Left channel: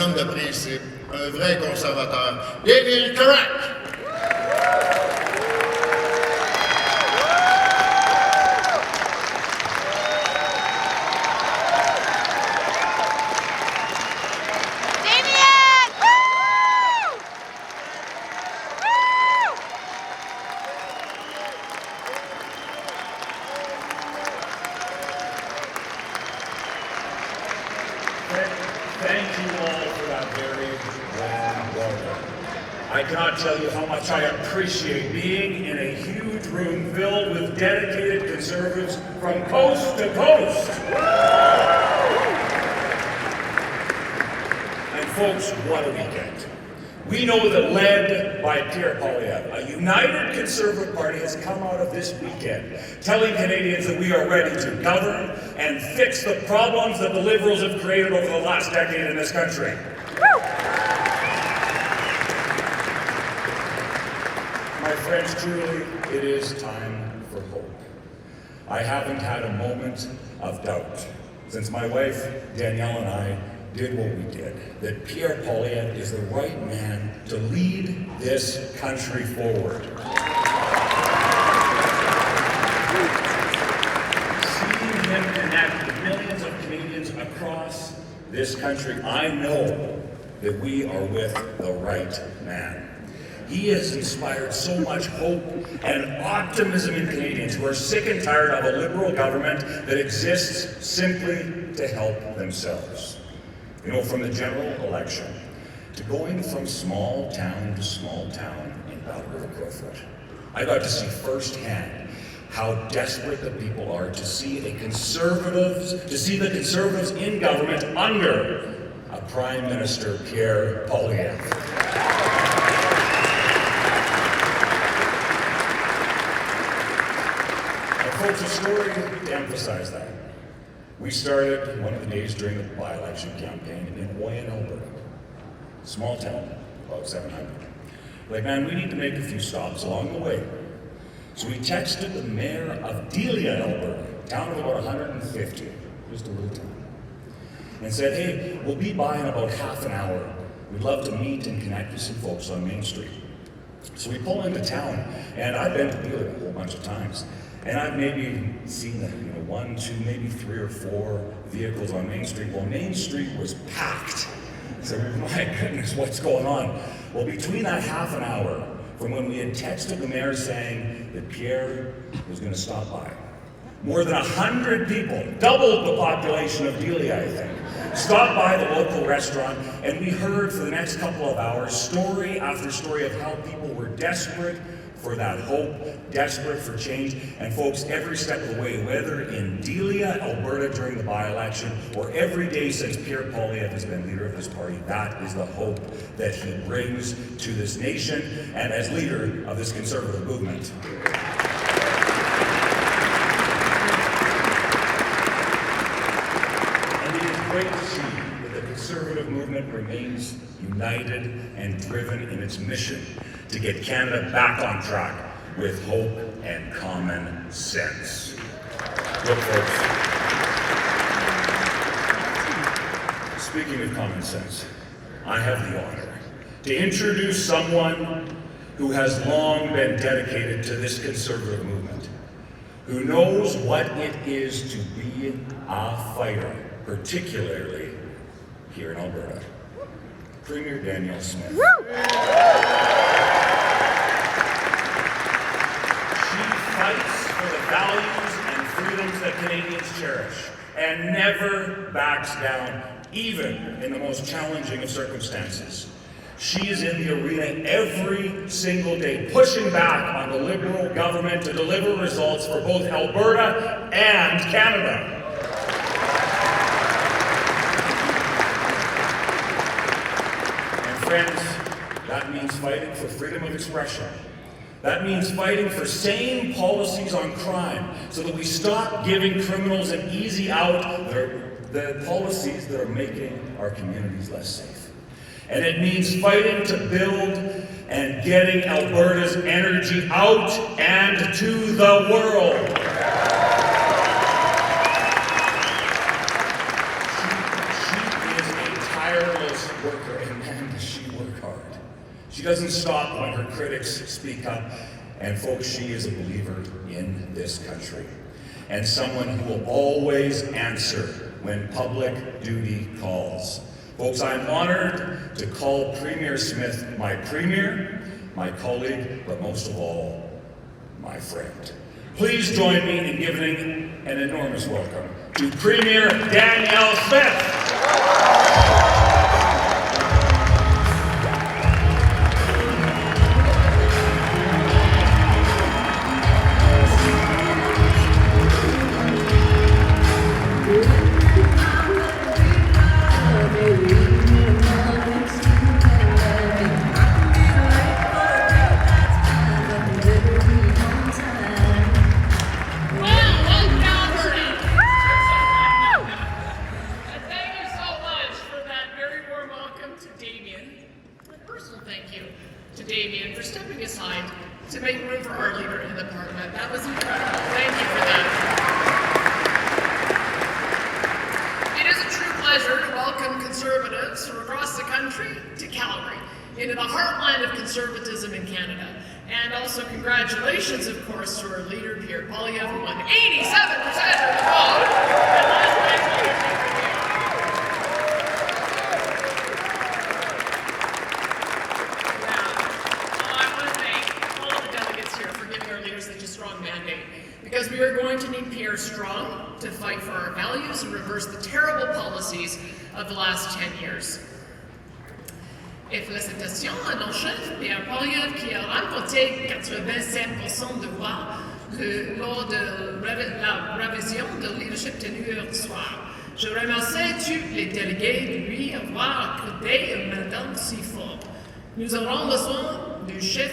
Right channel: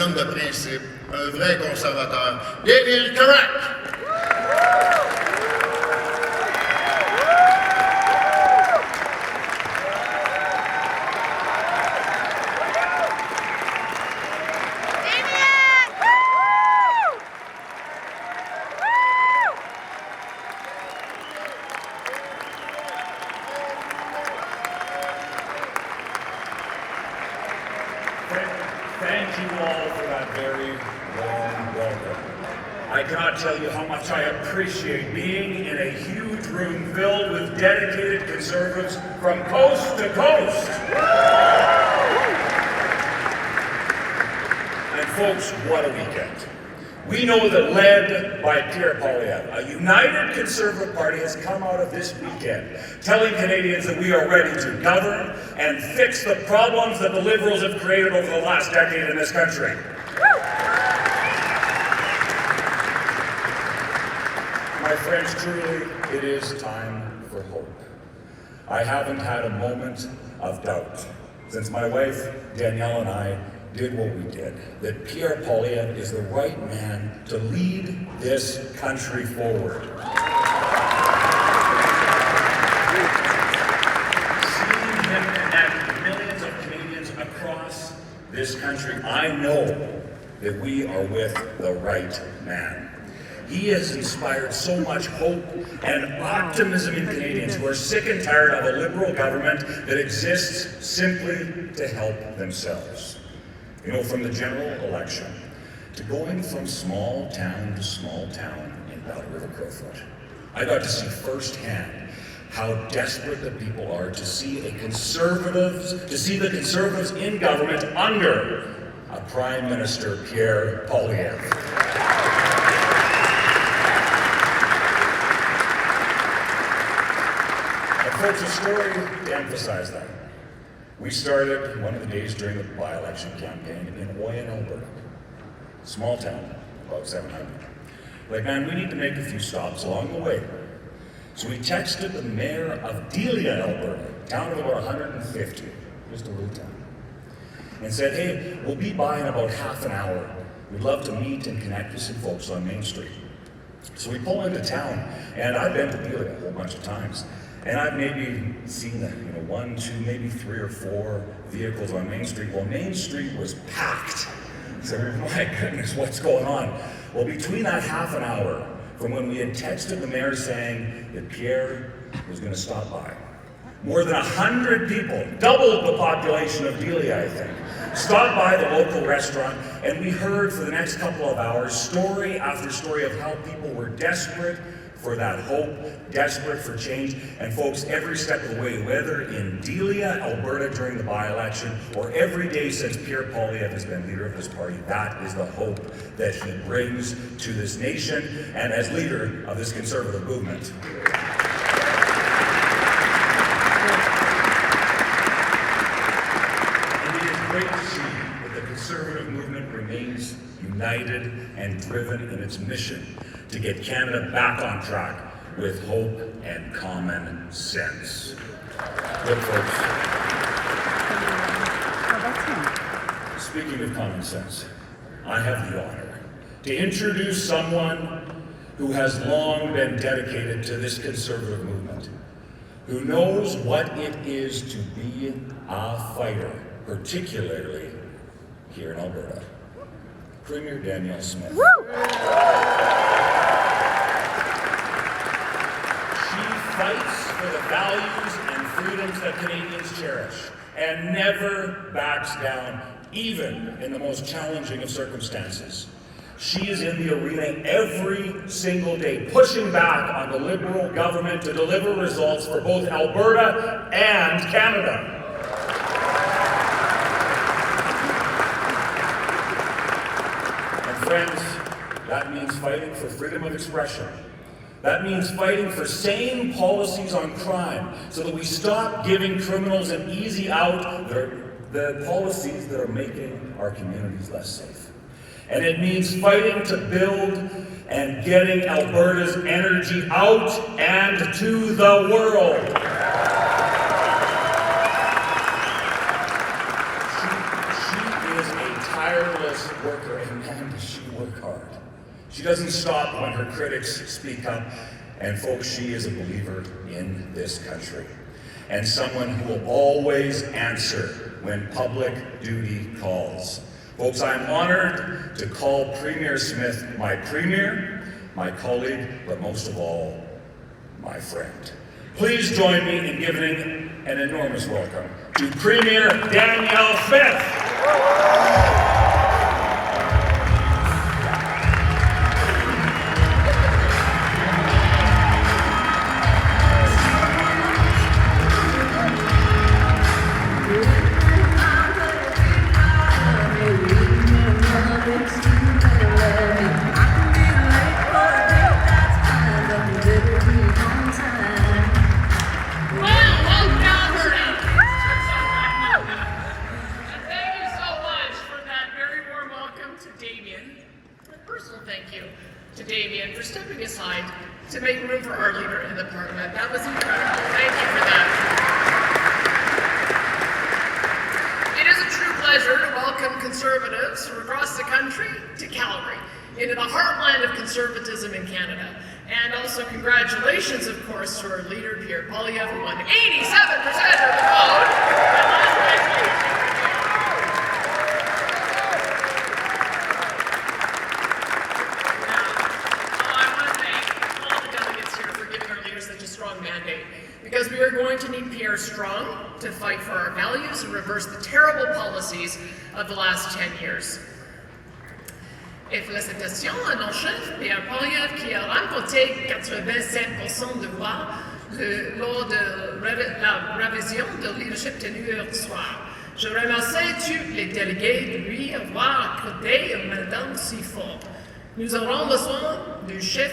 homme de principe, un vrai conservateur. Damien, Kurek! Damien! Woo! Woo! Thank you all for that very warm welcome. I cannot tell you how much I appreciate being in a huge room filled with dedicated conservatives from coast to coast. And folks, what a weekend. We know that led by Pierre Poilievre, a united Conservative Party has come out of this weekend telling Canadians that we are ready to govern and fix the problems that the Liberals have created over the last decade in this country. My friends, truly, it is time for hope. I haven't had a moment of doubt since my wife, Danielle, and I did what we did, that Pierre Poilievre is the right man to lead this country forward. Seeing him connect with millions of Canadians across this country, I know that we are with the right man. He has inspired so much hope and optimism in Canadians who are sick and tired of a Liberal government that exists simply to help themselves. You know, from the general election to going from small town to small town in Battle River Crowfoot, I got to see firsthand how desperate the people are to see the Conservatives in government under a Prime Minister, Pierre Poilievre. And folks, a story to emphasize that. We started one of the days during the by-election campaign in Oyen, Alberta. Small town, about 700. Like, man, we need to make a few stops along the way. So we texted the mayor of Delia, Alberta, a town of about 150, just a little town, and said, hey, we'll be by in about half an hour. We'd love to meet and connect with some folks on Main Street. So we pull into town, and I've been to Delia a whole bunch of times. And I've maybe seen one, two, maybe 3 or 4 vehicles on Main Street. Well, Main Street was packed. So, my goodness, what's going on? Well, between that half an hour from when we had texted the mayor saying that Pierre was going to stop by, more than 100 people, doubled the population of Delia, I think, stopped by the local restaurant, and we heard for the next couple of hours story after story of how people were desperate for that hope, desperate for change. And folks, every step of the way, whether in Delia, Alberta during the by-election, or every day since Pierre Poilievre has been leader of this party, that is the hope that he brings to this nation and as leader of this Conservative movement. And it is great to see that the Conservative movement remains united and driven in its mission to get Canada back on track with hope and common sense. Look, folks, speaking of common sense, I have the honor to introduce someone who has long been dedicated to this Conservative movement, who knows what it is to be a fighter, particularly here in Alberta. Premier Danielle Smith. Woo! Fights for the values and freedoms that Canadians cherish and never backs down, even in the most challenging of circumstances. She is in the arena every single day, pushing back on the Liberal government to deliver results for both Alberta and Canada. And friends, that means fighting for freedom of expression. That means fighting for sane policies on crime so that we stop giving criminals an easy out, the policies that are making our communities less safe. And it means fighting to build and getting Alberta's energy out and to the world. She is a tireless worker, and man, does she work hard. She doesn't stop when her critics speak up, and folks, she is a believer in this country, and someone who will always answer when public duty calls. Folks, I'm honored to call Premier Smith my Premier, my colleague, but most of all, my friend. Please join me in giving an enormous welcome to Premier Danielle Smith. Thank you to Damien for stepping aside to make room for our leader in the parliament. That was incredible. Thank you for that. It is a true pleasure to welcome Conservatives from across the country to Calgary, into the heartland of conservatism in Canada. And also congratulations, of course, to our leader, Pierre Poilievre, who won 87% of the vote. And last night, such a strong mandate, because we are going to need Pierre strong to fight for our values and reverse the terrible policies of the last 10 years. Et félicitations à nos chefs, Pierre Poilievre, qui a remporté 87% de voix lors de la révision de leadership tenue hier soir. Je remercie tous les délégués de lui avoir accordé un mandat si fort. Nous aurons besoin du chef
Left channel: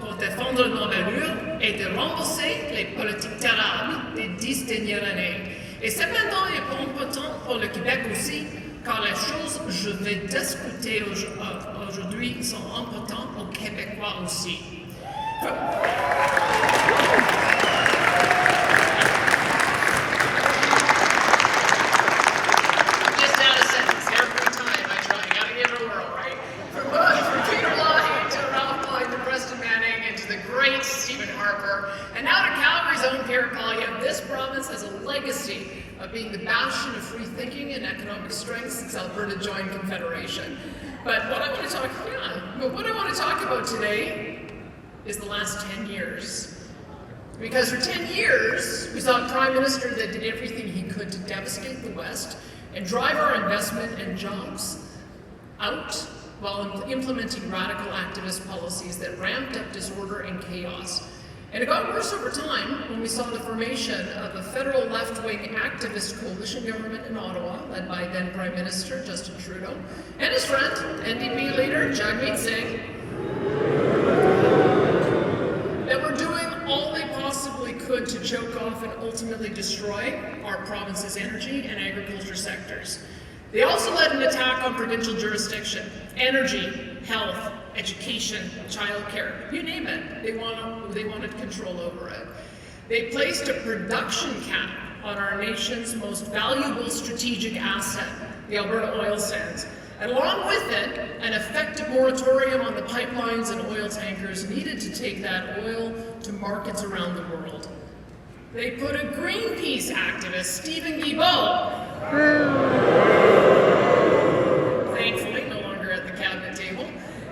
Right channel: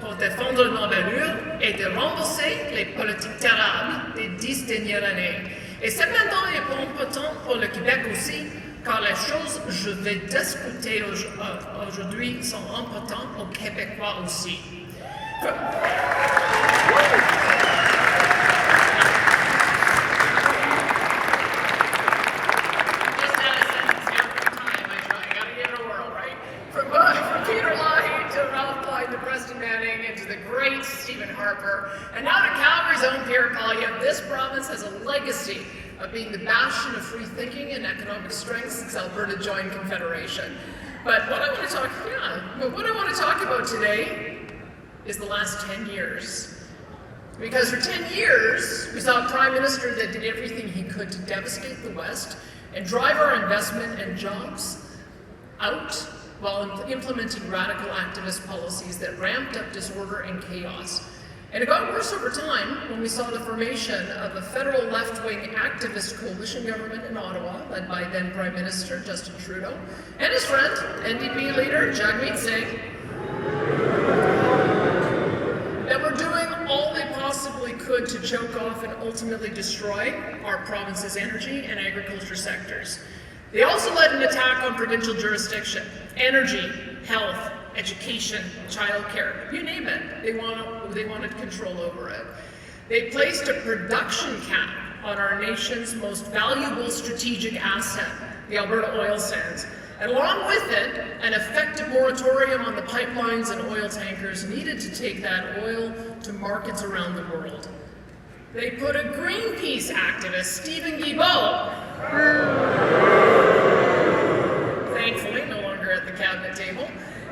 pour défendre nos valeurs et de renverser les politiques terribles des 10 dernières années. Et ce mandat est important pour le Québec aussi, car les choses que je vais discuter aujourd'hui sont importantes aux Québécois aussi. And now to Calgary's own Pierre Poilievre, this province has a legacy of being the bastion of free thinking and economic strength since Alberta joined Confederation. But what I want to talk about today is the last 10 years. Because for 10 years, we saw a Prime Minister that did everything he could to devastate the West and drive our investment and jobs out while implementing radical activist policies that ramped up disorder and chaos. And it got worse over time when we saw the formation of a federal left-wing activist coalition government in Ottawa, led by then Prime Minister Justin Trudeau, and his friend, NDP leader Jagmeet Singh, that were doing all they possibly could to choke off and ultimately destroy our province's energy and agriculture sectors. They also led an attack on provincial jurisdiction, energy, health, education, childcare, you name it. They wanted control over it. They placed a production cap on our nation's most valuable strategic asset, the Alberta oil sands, and along with it, an effective moratorium on the pipelines and oil tankers needed to take that oil to markets around the world. They put a Greenpeace activist, Stephen Guilbeault, thankfully no longer at the cabinet table,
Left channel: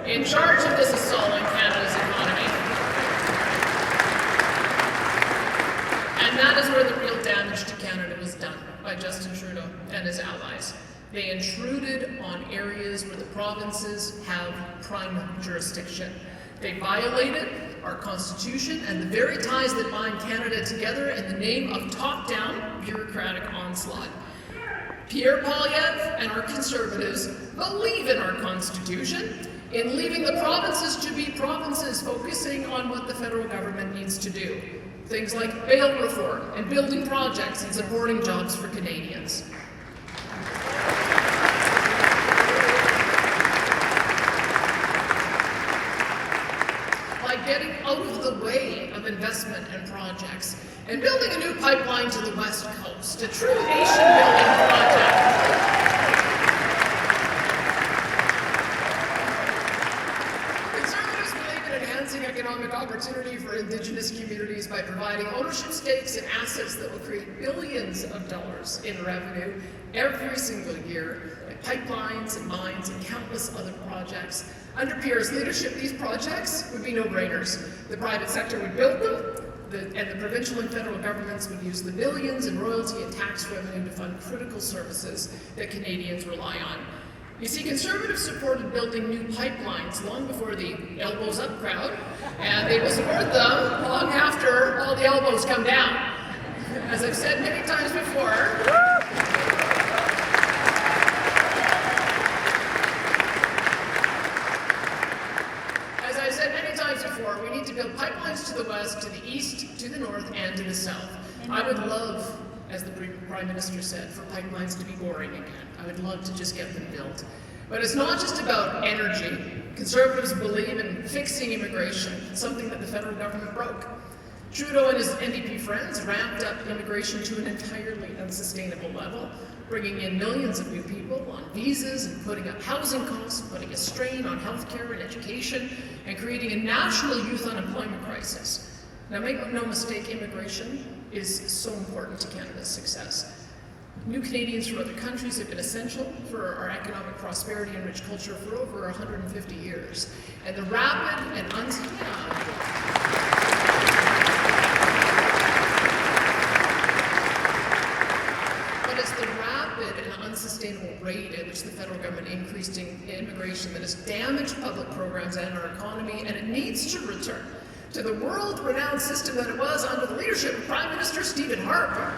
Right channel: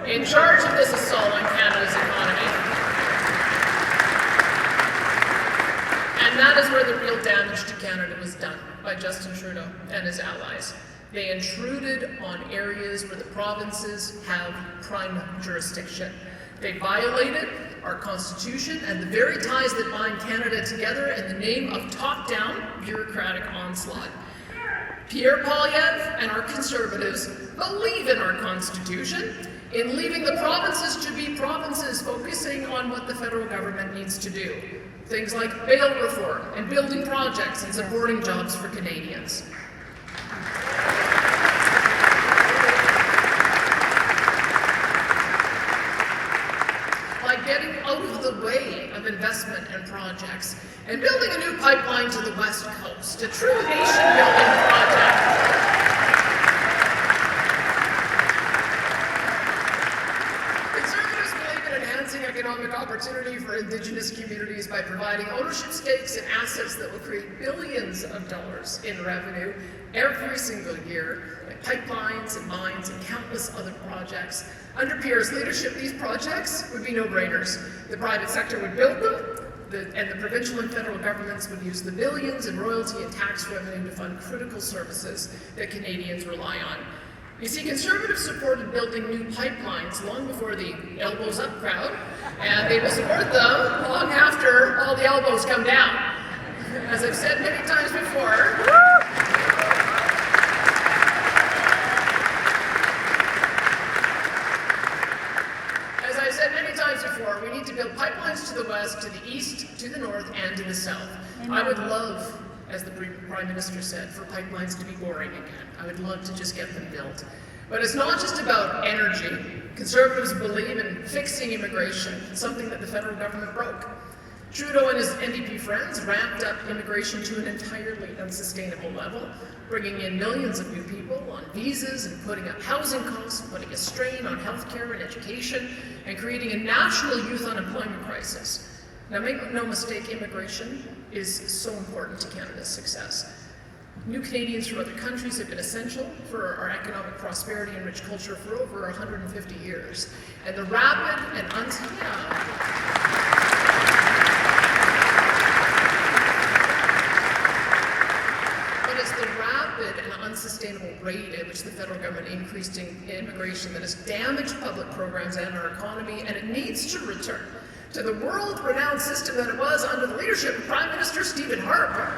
in charge of this assault on Canada's economy. And that is where the real damage to Canada was done by Justin Trudeau and his allies. They intruded on areas where the provinces have prime jurisdiction. They violated our Constitution and the very ties that bind Canada together in the name of top-down bureaucratic onslaught. Pierre Poilievre and our Conservatives believe in our Constitution, in leaving the provinces to be provinces, focusing on what the federal government needs to do. Things like bail reform and building projects and supporting jobs for Canadians. Like getting out of the way of investment and projects and building a new pipeline to the West Coast, a true nation-building project. economic opportunity for Indigenous communities by providing ownership stakes in assets that will create billions of dollars in revenue every single year, like pipelines and mines and countless other projects. Under Pierre's leadership, these projects would be no-brainers. The private sector would build them, and the provincial and federal governments would use the billions in royalty and tax revenue to fund critical services that Canadians rely on. You see, Conservatives supported building new pipelines long before the elbows up crowd, and they will support them long after all the elbows come down. As I've said many times before, we need to build pipelines to the west, to the east, to the north, and to the south. I would love, as the Prime Minister said, for pipelines to be boring again. I would love to just get them built. But it's not just about energy. Conservatives believe in fixing immigration, something that the federal government broke. Trudeau and his NDP friends ramped up immigration to an entirely unsustainable level, bringing in millions of new people on visas and putting up housing costs, putting a strain on healthcare and education, and creating a national youth unemployment crisis. Now, make no mistake, immigration is so important to Canada's success. New Canadians from other countries have been essential for our economic prosperity and rich culture for over 150 years. And the rapid and unsustainable rate at which the federal government increased immigration that has damaged public programs and our economy, and it needs to return to the world-renowned system that it was under the leadership of Prime Minister Stephen Harper.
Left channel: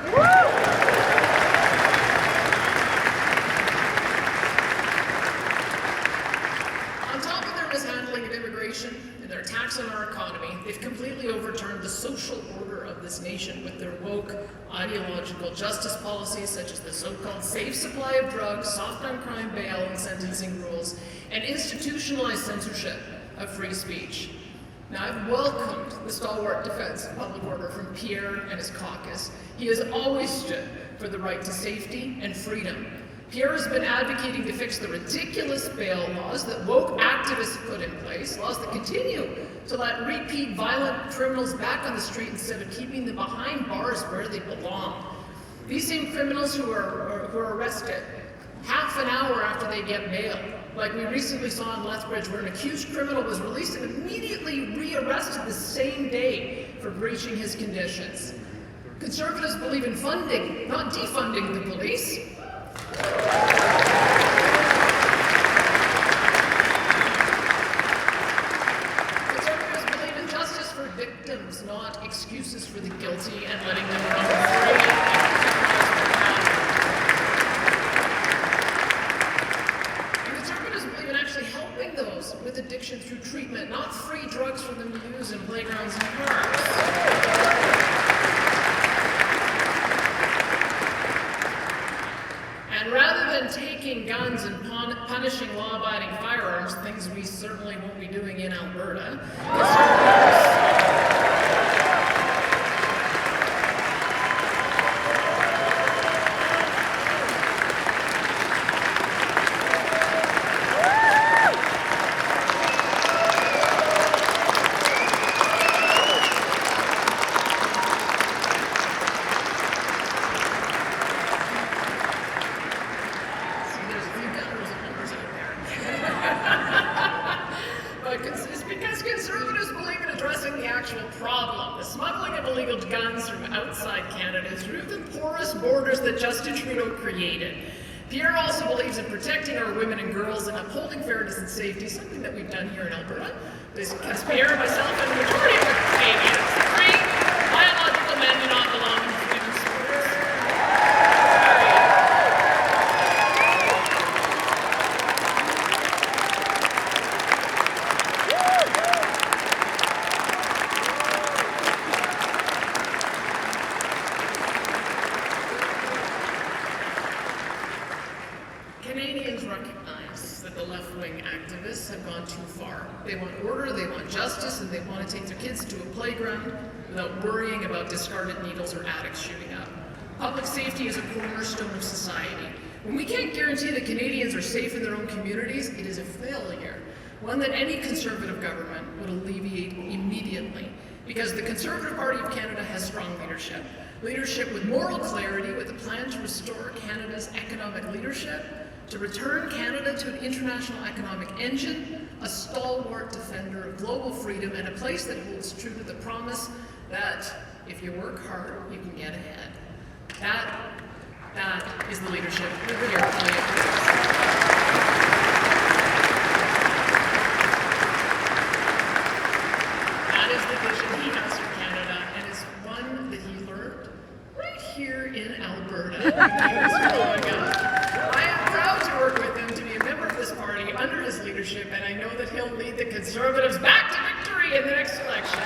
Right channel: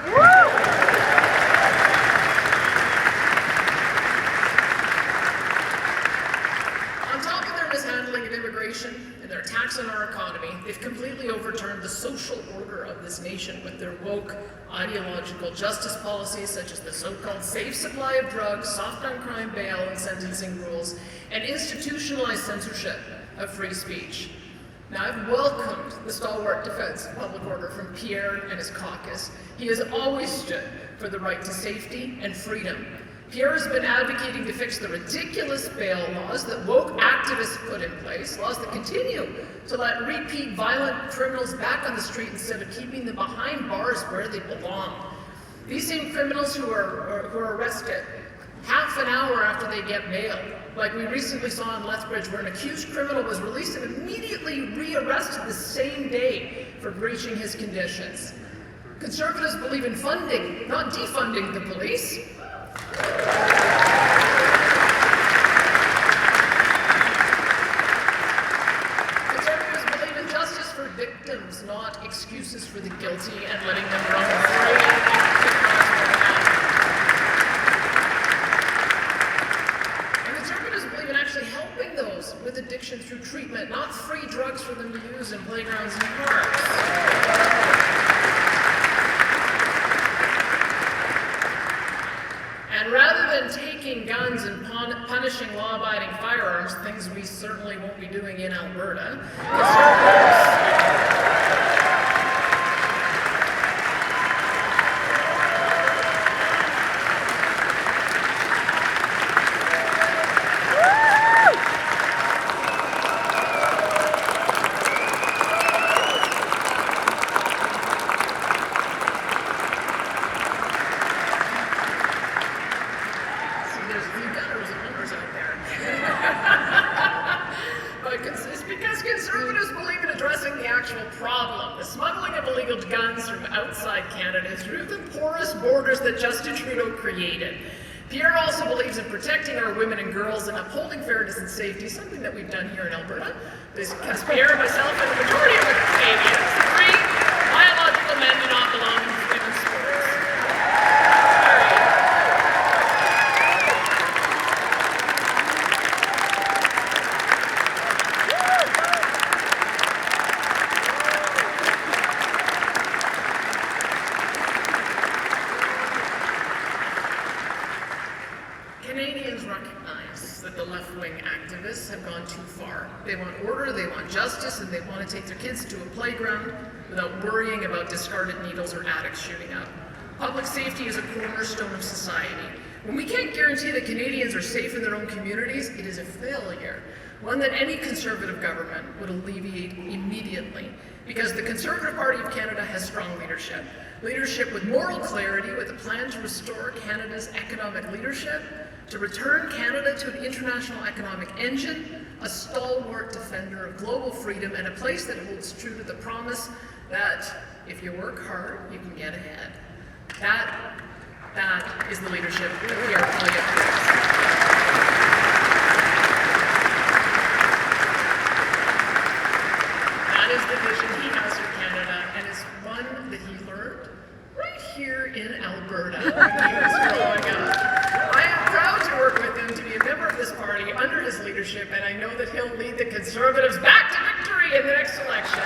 On top of their mishandling of immigration and their attacks on our economy, they've completely overturned the social order of this nation with their woke, ideological justice policies such as the so-called safe supply of drugs, soft on crime bail and sentencing rules, and institutionalized censorship of free speech. Now, I've welcomed the stalwart defense of public order from Pierre and his caucus. He has always stood for the right to safety and freedom. Pierre has been advocating to fix the ridiculous bail laws that woke activists put in place, laws that continue to let repeat violent criminals back on the street instead of keeping them behind bars where they belong. These same criminals who are arrested half an hour after they get bail, like we recently saw in Lethbridge, where an accused criminal was released and immediately re-arrested the same day for breaching his conditions. Conservatives believe in funding, not defunding the police. Conservatives believe in justice for victims, not excuses for the guilty and letting them run free. And conservatives believe in actually helping those with addiction through treatment, not free drugs for them to use in playgrounds and parks. And rather than taking guns and punishing law-abiding firearms, things we certainly won't be doing in Alberta, it's because conservatives believe in addressing the actual problem, the smuggling of illegal guns from outside Canada through the porous borders that Justin Trudeau created. Pierre also believes in protecting our women and girls and upholding fairness and safety, something that we've done here in Alberta. Because Pierre, myself, and the majority of the Canadians agree biological men do not belong in women's sports. Canadians recognize that the left-wing activists have gone too far. They want order, they want justice, and they want to take their kids to a playground without worrying about discarded needles or addicts shooting up. Public safety is a cornerstone of society. When we can't guarantee that Canadians are safe in their own communities, it is a failure, one that any Conservative government would alleviate immediately, because the Conservative Party of Canada has strong leadership. Leadership with moral clarity, with a plan to restore Canada's economic leadership, to return Canada to an international economic engine, a stalwart defender of global freedom, and a place that holds true to the promise that if you work hard, you can get ahead. That is the leadership we are calling it. That is the vision he has for Canada, and it's one that he learned right here in Alberta when he was growing up. I am proud to work with him, to be a member of this party under his leadership, and I know that he'll lead the Conservatives back to victory in the next election.